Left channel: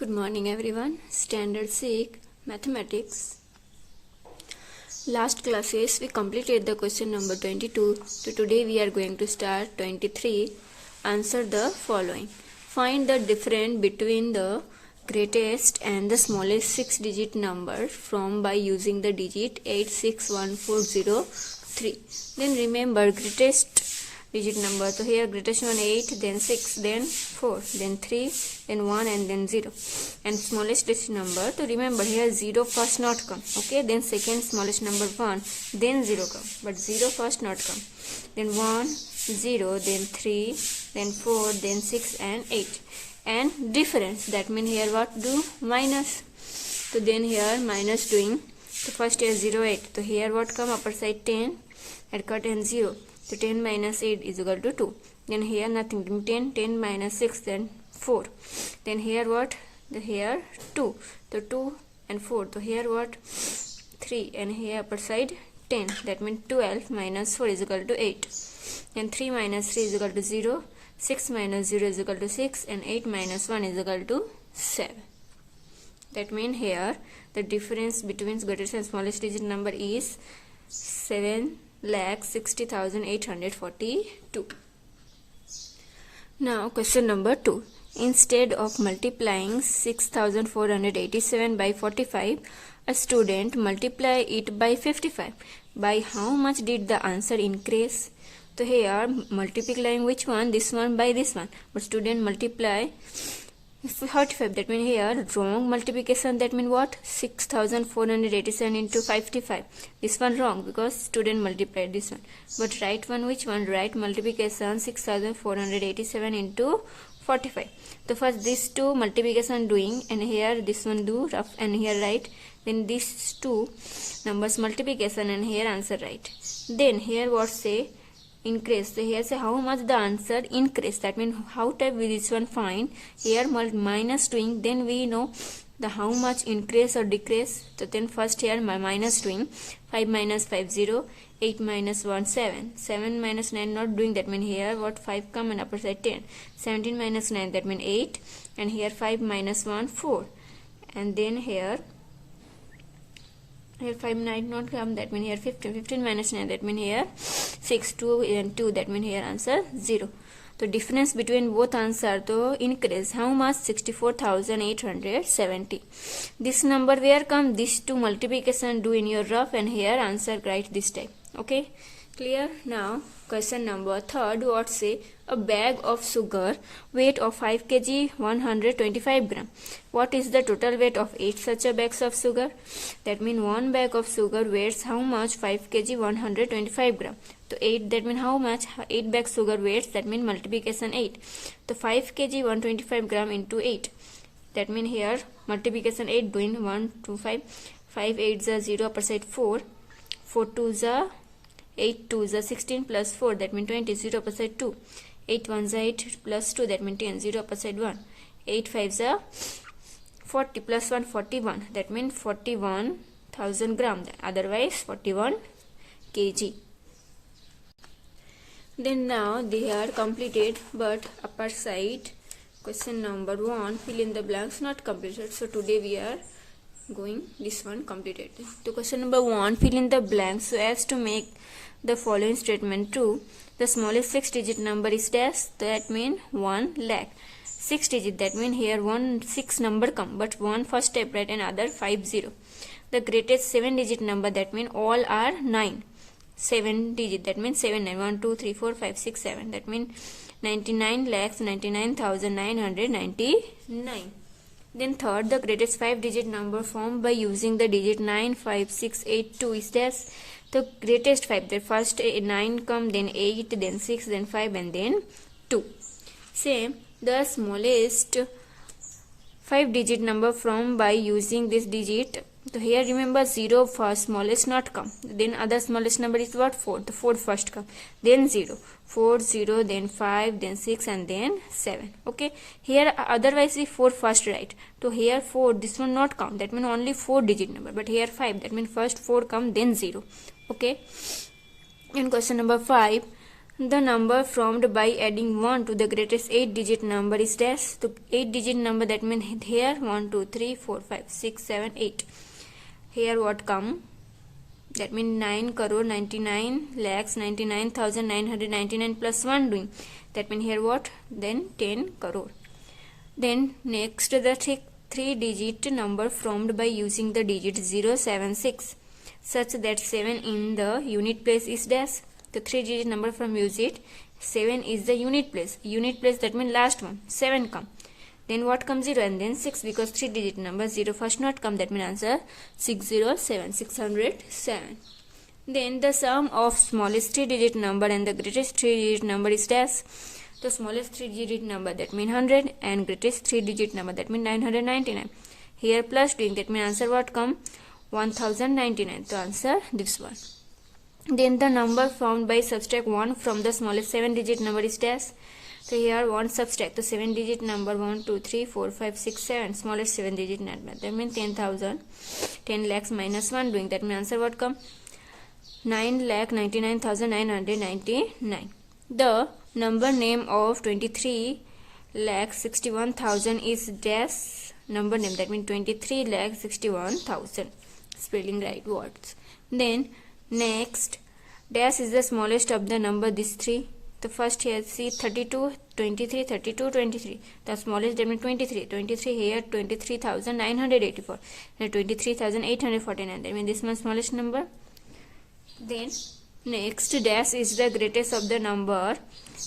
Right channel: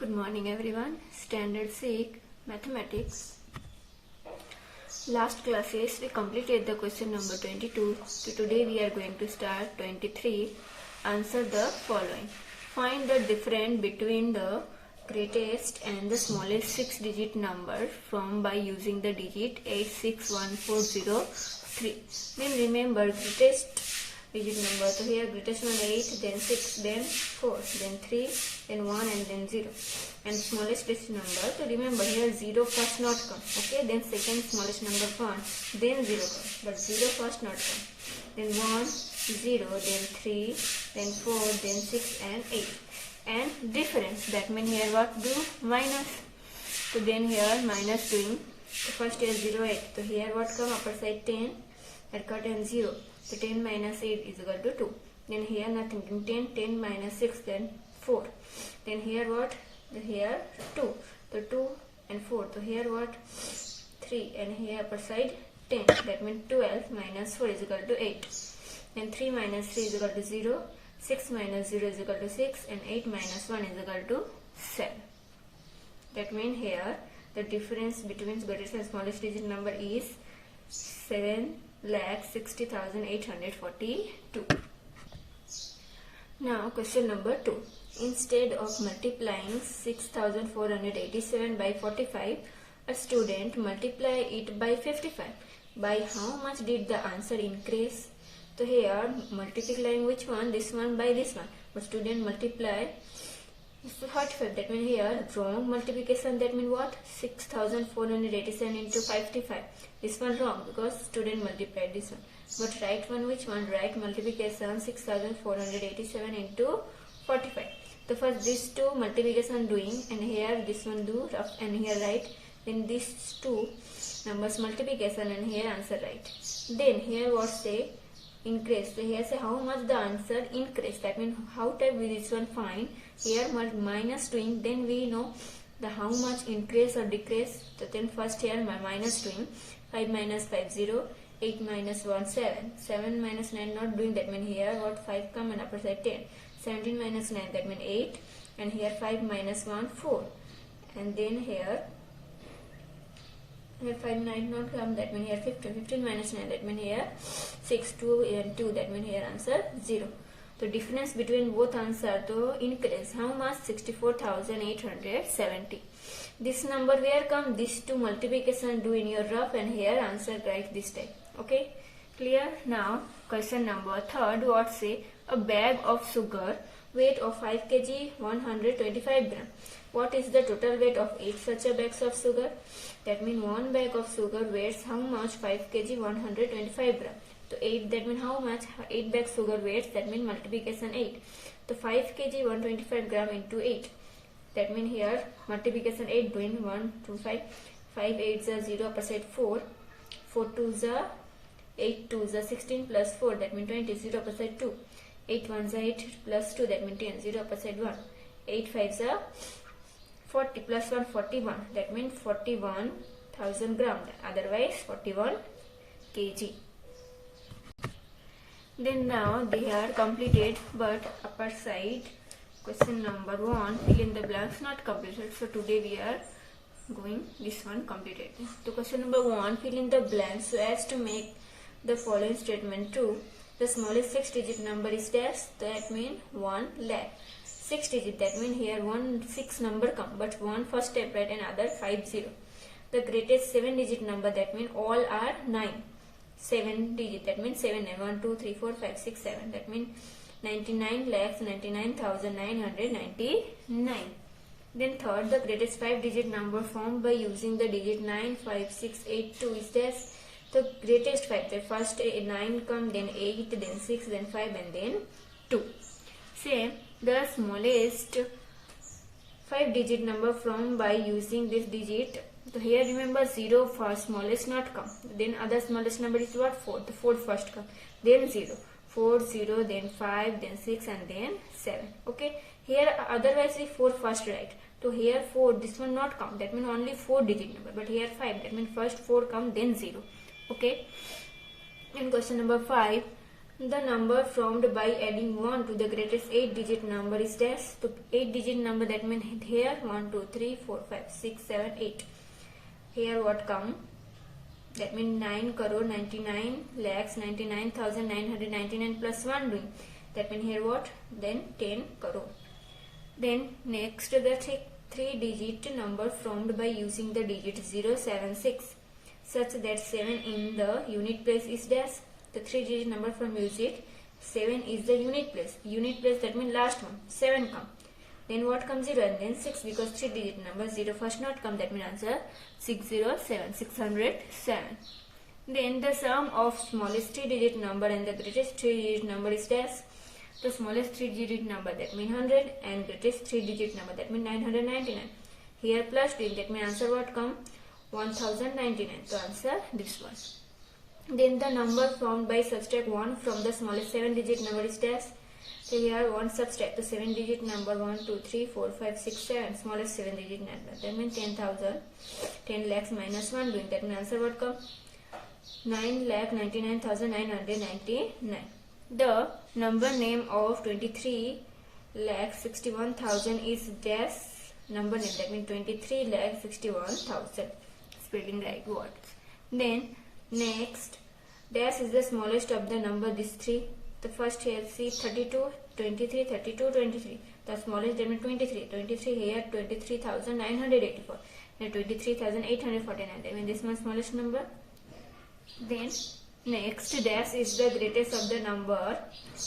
Good morning everyone. Standard 6 Mathematics. Last classes we completed the question number 22. So today we are going to start 23. Answer the following. Find the difference between the greatest and the smallest 6-digit number from by using the digit 861403. Then remember greatest digit number. So here greatest one 8, then 6, then 4, then 3, then 1 and then 0. And smallest digit number. So remember here 0 first not come. Okay, then second smallest number 1, then 0 come. But 0 first not come. Then 1, 0, then 3, then 4, then 6 and 8. And difference, that means here what do? Minus. So then here minus doing. So first here 0, 8. So here what come? Upper side 10 and cut and 0. So 10 minus 8 is equal to 2. Then here nothing. 10 minus 6, then 4. Then here what? Here 2. So 2 and 4. So here what? 3. And here upper side 10. That means 12 minus 4 is equal to 8. Then 3 minus 3 is equal to 0. 6 minus 0 is equal to 6. And 8 minus 1 is equal to 7. That means here the difference between greatest and smallest digit number is 7,60,842. Now question number 2. Instead of multiplying 6,487 by 45, a student multiply it by 55. By how much did the answer increase? So here multiplying which one? This one by this one. But student multiply 45. That means here wrong multiplication. That means what? 6,487 into 55. This one wrong because student multiplied this one. But right one which one? Right multiplication 6,487 into 45. So first these two multiplication doing, and here this one do rough and here right. Then these two numbers multiplication and here answer right. Then here what say? Increase. So here say how much the answer increase. That means how type we this one find. Here minus doing, then we know the how much increase or decrease. So then first here my minus doing 5 minus 5 0, 8 minus 1 7, 7 minus 9 not doing. That means here what 5 come and upper side 10, 17 minus 9 that means 8, and here 5 minus 1 4, and then here 5 9 not come, that means here 15, 15 minus 9 that means here 6, 2 and 2 that means here answer 0. The difference between both answer to increase how much? 64,870. This number where come? These two multiplication do in your rough and here answer right this time. Okay, clear? Now question number 3. What say? A bag of sugar weight of 5 kg 125 gram. What is the total weight of 8 such a bags of sugar? That means one bag of sugar weighs how much? 5 kg 125 gram. So 8 that means how much? 8 bags sugar weights, that means multiplication 8. So 5 kg 125 gram into 8. That means here multiplication 8 doing 1 2 5. 5 8 is 0 upper side 4. 4 2 is 8 2 is 16 plus 4 that means 20 0 upper side 2. 8 1 is 8 plus 2 that means 10 0 upper side 1. 8 5 is 40 plus 1 41 that means 41,000 gram, otherwise 41 kg. Then now they are completed, but upper side question number 1 fill in the blanks not completed. So today we are going this one completed. So question number 1 fill in the blanks so as to make the following statement true. The smallest 6-digit number is dash, that means 1 lakh. 6 digit, that means here 1 6 number come, but 1 first step right and other 5 0. The greatest 7-digit number, that means all are 9. 7 digit, that means 7 9 1 2 3 4 5 6 7, that means 99,99,999. Then third, the greatest 5-digit number formed by using the digit 9 5 6 8 2 is dash. The greatest 5, the first 9 come, then 8, then 6, then 5 and then 2. Same, the smallest 5-digit number formed by using this digit. So here remember 0 first smallest not come, then other smallest number is what? 4. The 4 first come, then 0, 4 0, then 5, then 6 and then 7. Okay, here otherwise the 4 first right. So here 4 this one not come, that means only 4-digit number, but here 5 that means first 4 come then 0. Okay, in question number 5 The number formed by adding 1 to the greatest 8-digit number is dash. So 8-digit number, that means here 1, 2, 3, 4, 5, 6, 7, 8. Here what come? That means 9 crore 99 lakhs 99,999 plus 1 doing. That means here what? Then 10 crore. Then next the 3-digit number formed by using the digit 076 such that 7 in the unit place is dash. The 3-digit number from use it, 7 is the unit place. Unit place, that means last one, 7 come. Then what comes 0 and then 6, because 3-digit number 0 first not come, that means answer 607, 607. Then the sum of smallest 3-digit number and the greatest 3-digit number is dash. The smallest 3-digit number, that means 100, and greatest 3-digit number, that means 999. Here plus doing, that means answer what come? 1099. So answer this one. Then the number formed by subtract 1 from the smallest 7-digit number is dash. So here 1 subtract the 7-digit number 1, 2, 3, 4, 5, 6, 7, smallest 7-digit number. That means 10,000, 10 lakhs minus 1 doing. That means answer what come? 9,99,999. The number name of 23,61,000 is dash number name. That means 23,61,000. Spelling right words. Then next, dash is the smallest of the number, these three. The first here, see 32, 23, 32, 23. The smallest, that means 23. 23 here, 23,984. And 23,849. That means this one smallest number. Then next, dash is the greatest of the number,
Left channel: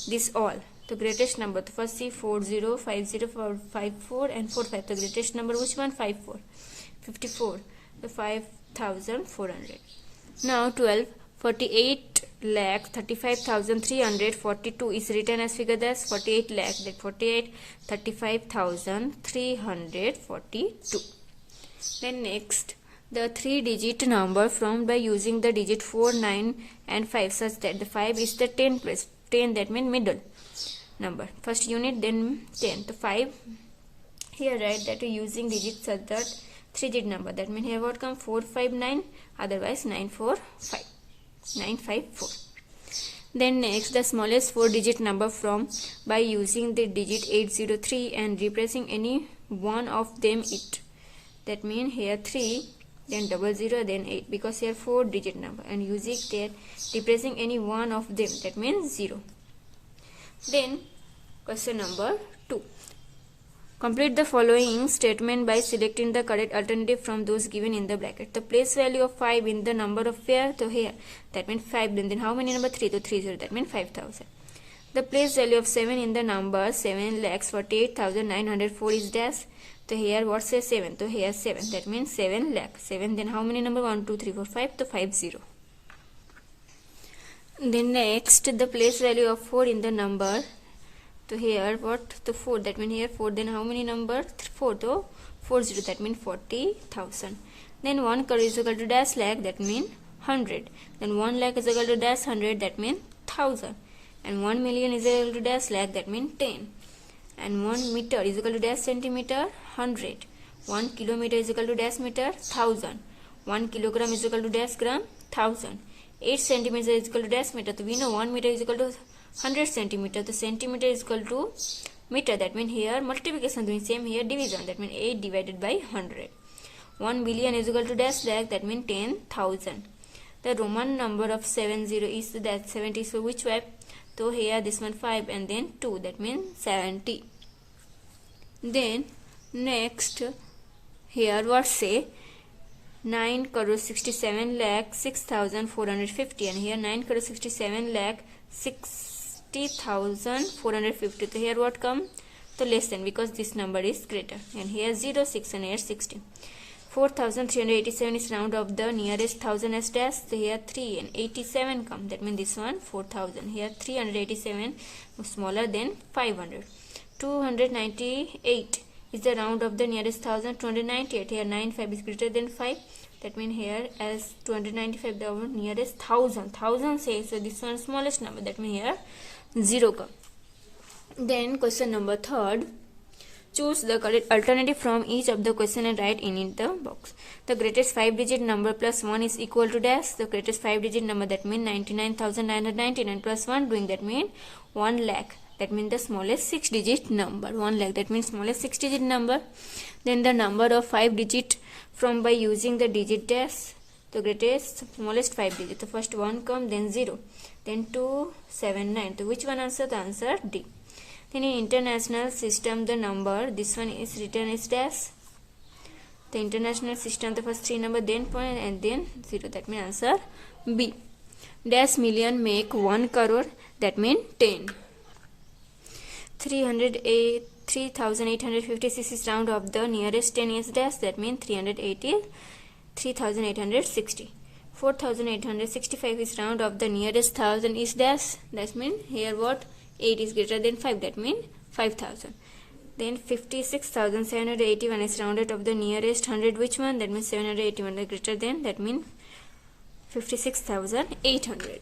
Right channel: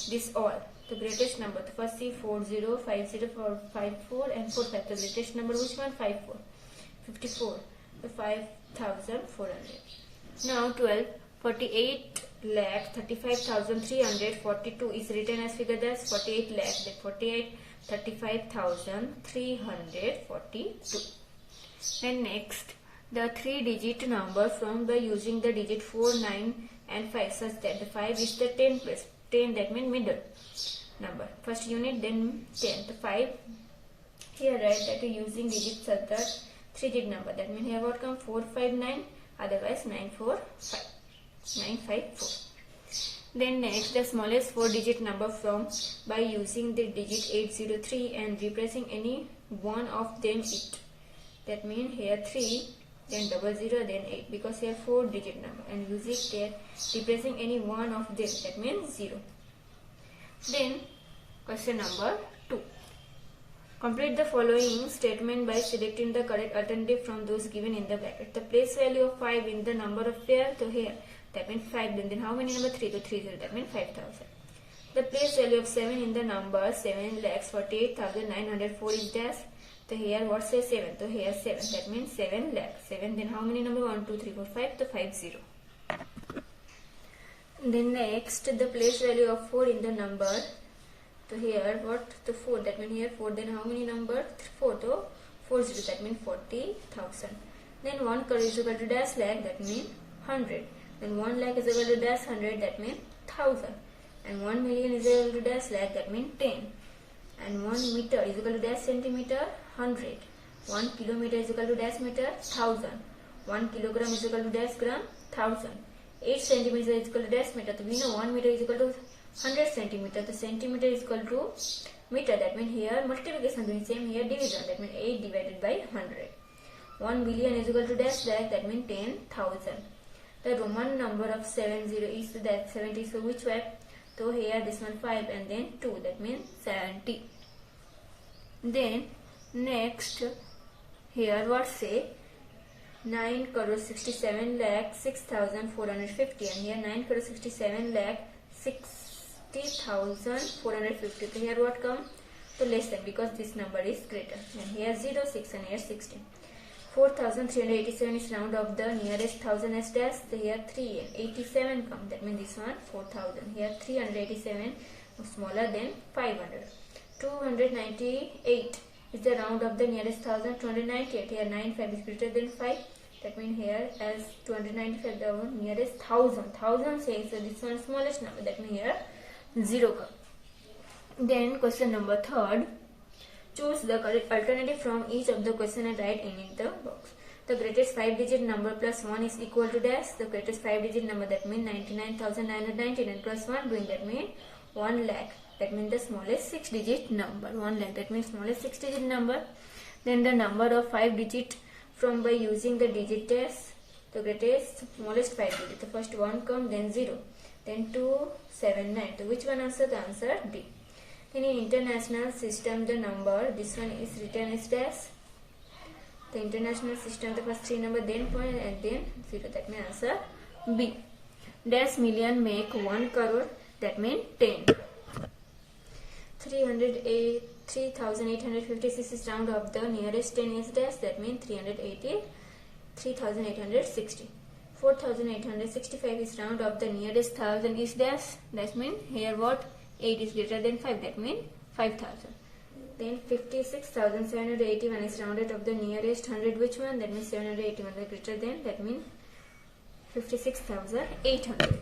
this all. The greatest number. The first see 40, 50, 54 and 45. The greatest number, which one? 54. 54. The 5,400. Now 12, 48 lakh 35,342 is written as figure dash 48 lakh, that 48 35,342. Then next, the 3-digit number formed by using the digit 4, 9 and 5 such that the 5 is the 10 place. 10, that means middle number. First unit, then 10. The 5 here write that using digits such that 3-digit number. That means here what come? 459, otherwise 945. 954. Then next, the smallest 4-digit number from by using the digit 803 and replacing any one of them it. That means here 3, then 00, then 8, because here 4-digit number, and using there replacing any one of them, that means 0. Then question number 2. Complete the following statement by selecting the correct alternative from those given in the bracket. The place value of 5 in the number of pair, so here, that means 5, then how many number? 3, to 30, that means 5,000. The place value of 7 in the number 7,48,904 is dash. So here what says 7? So here 7, that means 7 lakh. 7, then how many number? 1, 2, 3, 4, 5, to 50. Then next, the place value of 4 in the number. So here what? The 4, that means here 4, then how many number? 4, to 40, that means 40,000. Then 1 crore is equal to dash lakh, that means 100. Then 1 lakh is equal to dash 100, that means 1000. And 1 million is equal to dash lakh, that means 10. And 1 meter is equal to dash centimeter, 100. 1 kilometer is equal to dash meter, 1000. 1 kilogram is equal to dash gram, 1000. 8 centimeters is equal to dash meter. So we know 1 meter is equal to 100 centimeter. The centimeter is equal to meter. That means here multiplication doing same, here division. That means 8 divided by 100. 1 billion is equal to dash lakh. That means 10,000. The Roman number of 70 is that 70. So which way? So here this one 5 and then 2. That means 70. Then next here what say? 9 crore 67 lakh 6,450, and here 9 crore 67 lakh 60,450. So here what come? So less than, because this number is greater. And here 0, 6 and here 16. 4,387 is round of the nearest 1,000 as dash. So here 3 and 87 come. That means this one 4,000. Here 387 smaller than 500. 298 is the round of the nearest 1,000. 298. Here 95 is greater than 5. That means here as 295 the nearest 1,000. 1,000 says, so this one smallest number. That means here 0 come. Then question number 3. Choose the correct alternative from each of the question and write in the box. The greatest 5-digit number plus 1 is equal to dash. The greatest 5-digit number, that means 99,999 plus 1, doing that means 1 lakh. That means the smallest 6-digit number. 1 lakh, that means smallest 6-digit number. Then the number of 5-digit from by using the digit dash. The greatest smallest 5 digit. The first 1 come, then 0, then 2, 7, 9. So which one answer? The answer D. Then in international system, the number, this one is written as dash. The international system, the first 3 number, then point, and then 0. That means answer B. Dash million make 1 crore. That means 10. 3,856 is round of the nearest 10 is dash. That means 3,860. 4,865 is round of the nearest 1,000 is dash. That means here what? 8 is greater than 5. That means 5,000. Then 56,781 is rounded of the nearest 100. Which one? That means 781 is greater than. That means 56,800.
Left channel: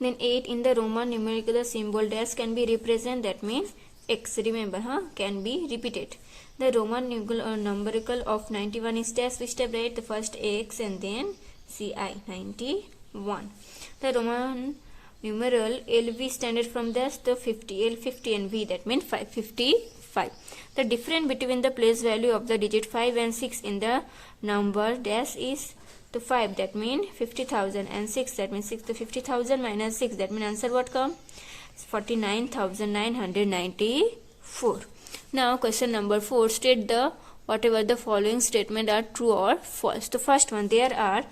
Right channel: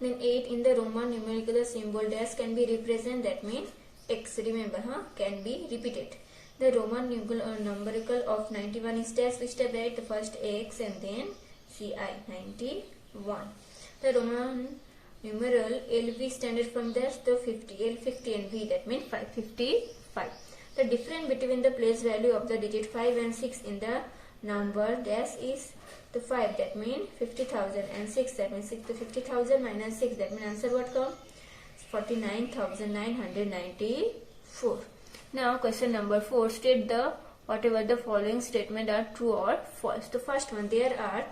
Then 8 in the Roman numerical, the symbol dash can be represented. That means X. Remember, can be repeated. The Roman numerical of 91 is dash. Which step right? The first X and then CI. 91. The Roman numeral LV standard from dash the 50. L 50 and V, that means 555. The difference between the place value of the digit 5 and 6 in the number dash is the 5. That means 50,000 and 6. That means 6 to 50,000 minus 6. That means answer what come? 49,994. Now question number 4. State the whatever the following statement are true or false. The first one, there are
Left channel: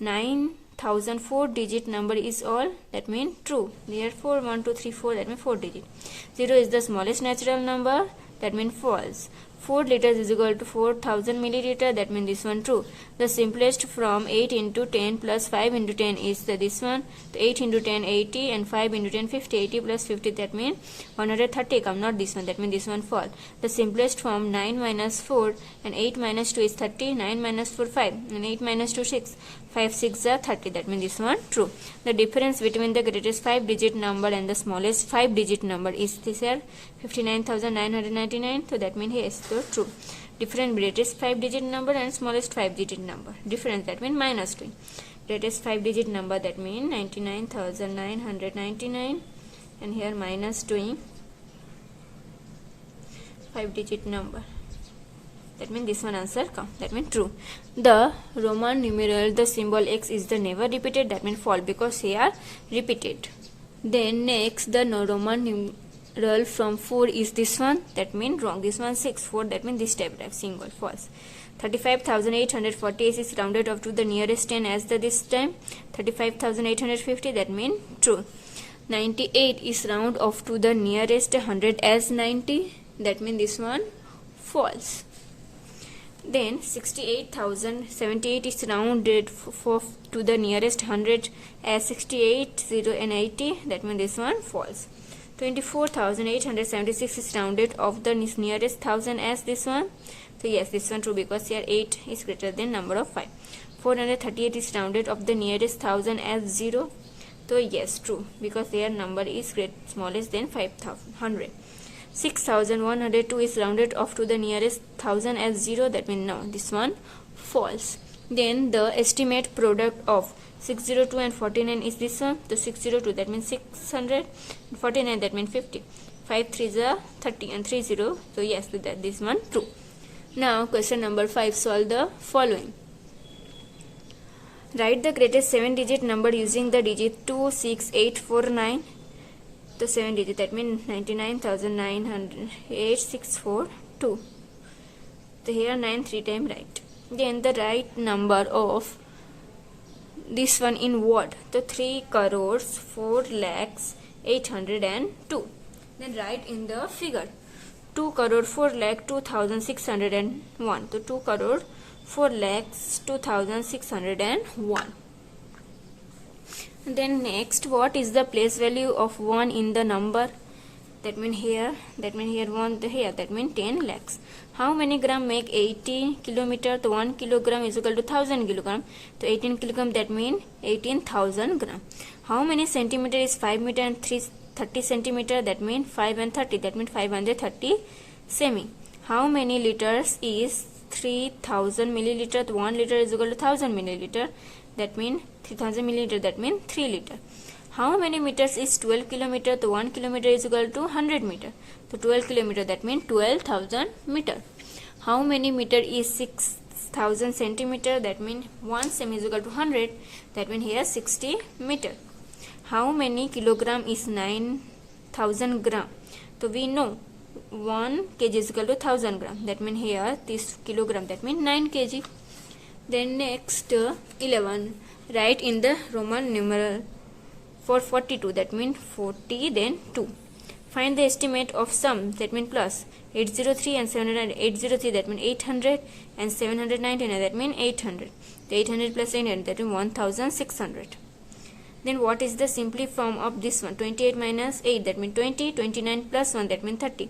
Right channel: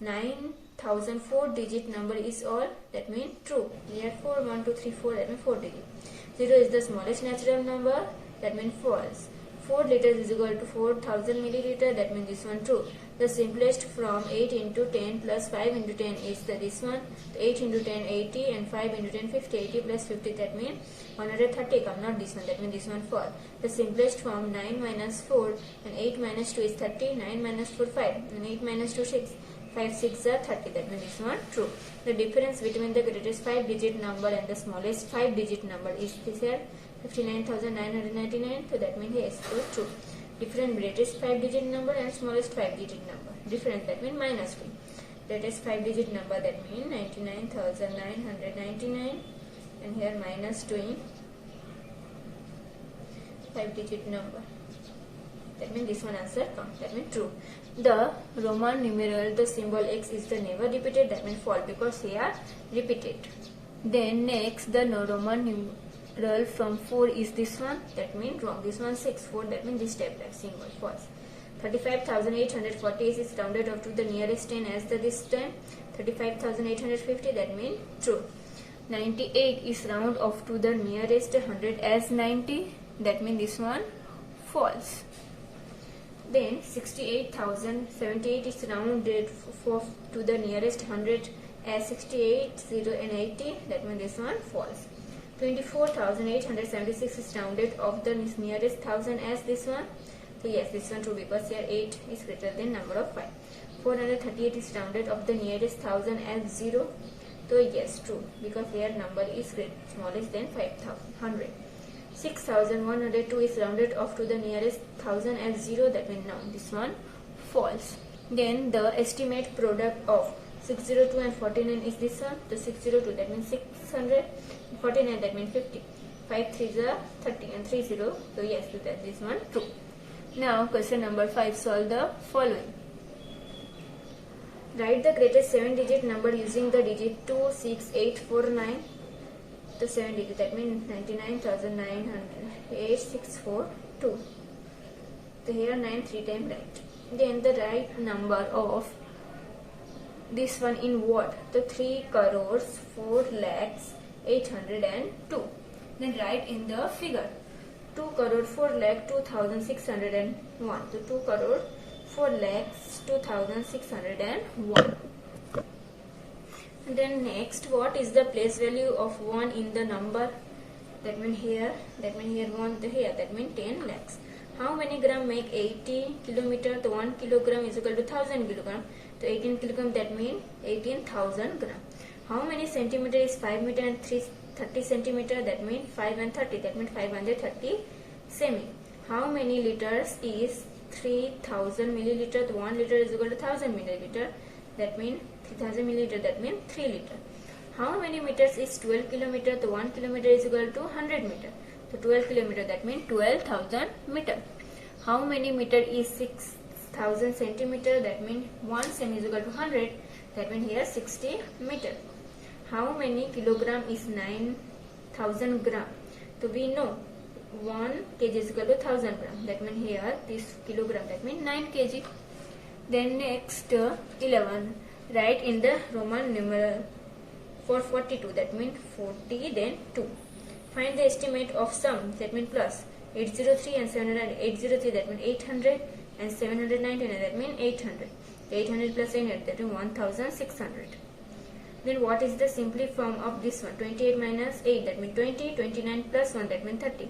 9,004 digit number is all. That means true. Therefore 1, 2, 3, 4. That means 4 digit. 0 is the smallest natural number. That means false. 4 liters is equal to 4,000 milliliter. That means this one true. The simplest from 8 into 10 plus 5 into 10 is this one. 8 into 10 80 and 5 into 10 50. 80 plus 50, that means 130 come, not this one. That means this one false. The simplest from 9 minus 4 and 8 minus 2 is 30. 9 minus 4 5 and 8 minus 2 6. 5 6 are 30. That means this one true. The difference between the greatest 5-digit number and the smallest 5-digit number is this here 59,999. So that means yes, so true. Difference greatest 5-digit number and smallest 5-digit number. Difference, that means minus 2. Greatest 5-digit number, that means 99,999, and here minus 2 5-digit number. That means this one answer come. That means true. The Roman numeral, the symbol X is the never repeated. That means false because here repeated. Then next, the Roman numeral from 4 is this one. That means wrong. This one 6. 4. That means this step left. Single. False. 35,840 is rounded off to the nearest 10 as the this time. 35,850. That means true. 98 is round off to the nearest 100 as 90. That means this one false. Then 68,078 is rounded to the nearest 100 as 68, 0 and 80. That means this one false. 24,876 is rounded off the nearest 1000 as this one. So yes, this one true because here 8 is greater than number of 5. 438 is rounded off the nearest 1000 as 0. So yes, true because their number is smallest than 500. 6,102 is rounded off to the nearest 1000 as 0. That means no, this one false. Then the estimate product of 602 and 49 is this one. The 602, that means 600. 49, that means 50. 5 3s are 30 and 3 0. So yes, that this one true. Now question number 5. Solve the following. Write the greatest 7-digit number using the digit 26849. The 7 digit, that means 99,908,642. So here 9 3 times right. Then the right number of this one in what? The 3 crores 4 lakhs 802. Then write in the figure 2 crore 4 lakh 2,601. So 2 crore 4 lakhs 2,601. Then next, what is the place value of 1 in the number? That means here 1 here, that means 10 lakhs. How many gram make 80 kilometer? So 1 kilogram is equal to 1000 kilogram. So 18 kilogram, that means 18,000 gram. How many centimeter is 5 meter and 3 30 centimeter, that means 5 and 30, that means 530 semi. How many liters is 3000 milliliter? 1 liter is equal to 1000 milliliter, that means 3000 milliliter, that means 3 liter. How many meters is 12 kilometer? So 1 kilometer is equal to 100 meter. So 12 kilometer, that means 12,000 meter. How many meter is 6000 centimeter? That means 1 semi is equal to 100. That means here 60 meter. How many kilogram is 9000 gram? So we know 1 kg is equal to 1000 gram. That means here this kilogram, that means 9 kg. Then next 11. Write in the Roman numeral for 42, that means 40 then 2. Find the estimate of sum, that means plus 803 and 700. 803, that means 800, and 799, that means 800. The 800 plus 800, that means 1600. Then what is the simple form of this one? 28 minus 8, that means 20. 29 plus 1, that means 30.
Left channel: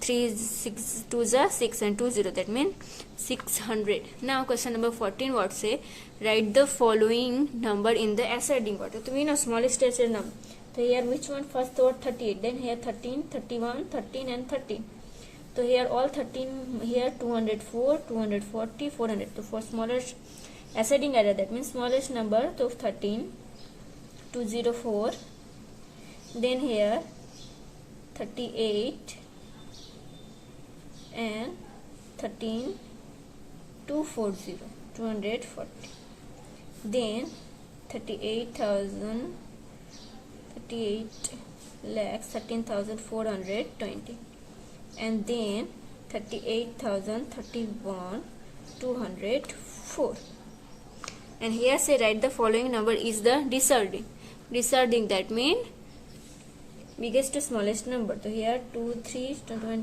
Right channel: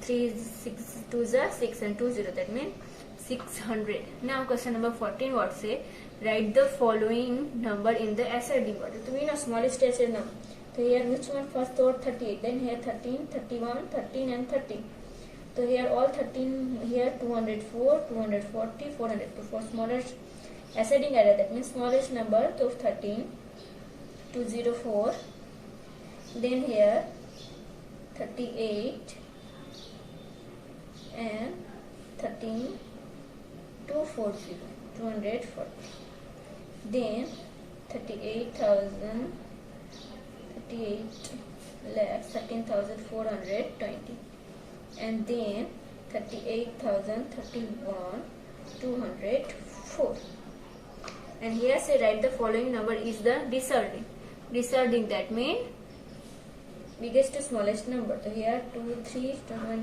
3 6 2 is 6 and 2 0, that means 600. Now question number 14, what say? Write the following number in the ascending order. So we know smallest ascending number. So here which one? First thought 38, then here 13, 31, 13 and 13. So here all 13, here 204, 240, 400. So for smallest ascending order, that means smallest number, so 13, 204, then here 38 and 13, 240, 240. Then 38,000, 38 lakhs, 13,420, and then 38,031, 204. And here say write the following number is the descending. Descending, that means biggest to smallest number. So here 2, 3,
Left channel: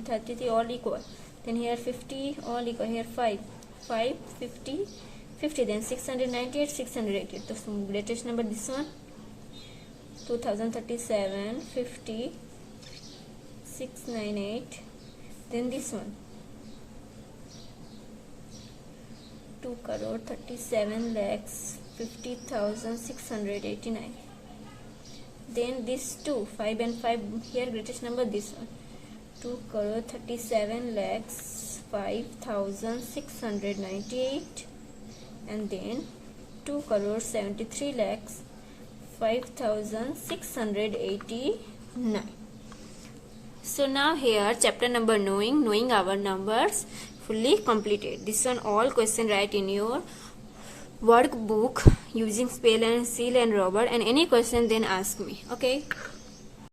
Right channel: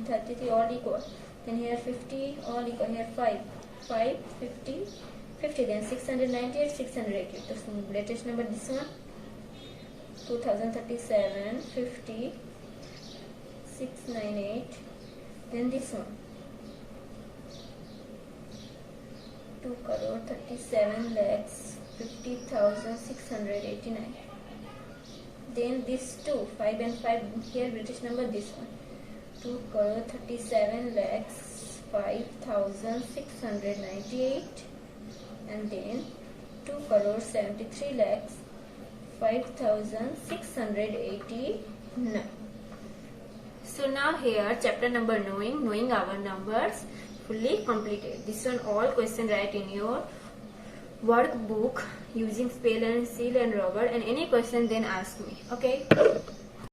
33 all equal. Then here 50 all equal. Here 5, 50, 50. Then 698, 688. The greatest number this one. 2037, 50, 698. Then this one. 2 crore 37 lakhs 50,689. Then this 2, 5 and 5, here greatest number this one. 2 crore 37 lakhs 5,698, and then 2 crore 73 lakhs 5,689. So now here chapter number knowing our numbers fully completed. This one all question write in your workbook using spell and seal and rubber, and any question then ask me. Okay.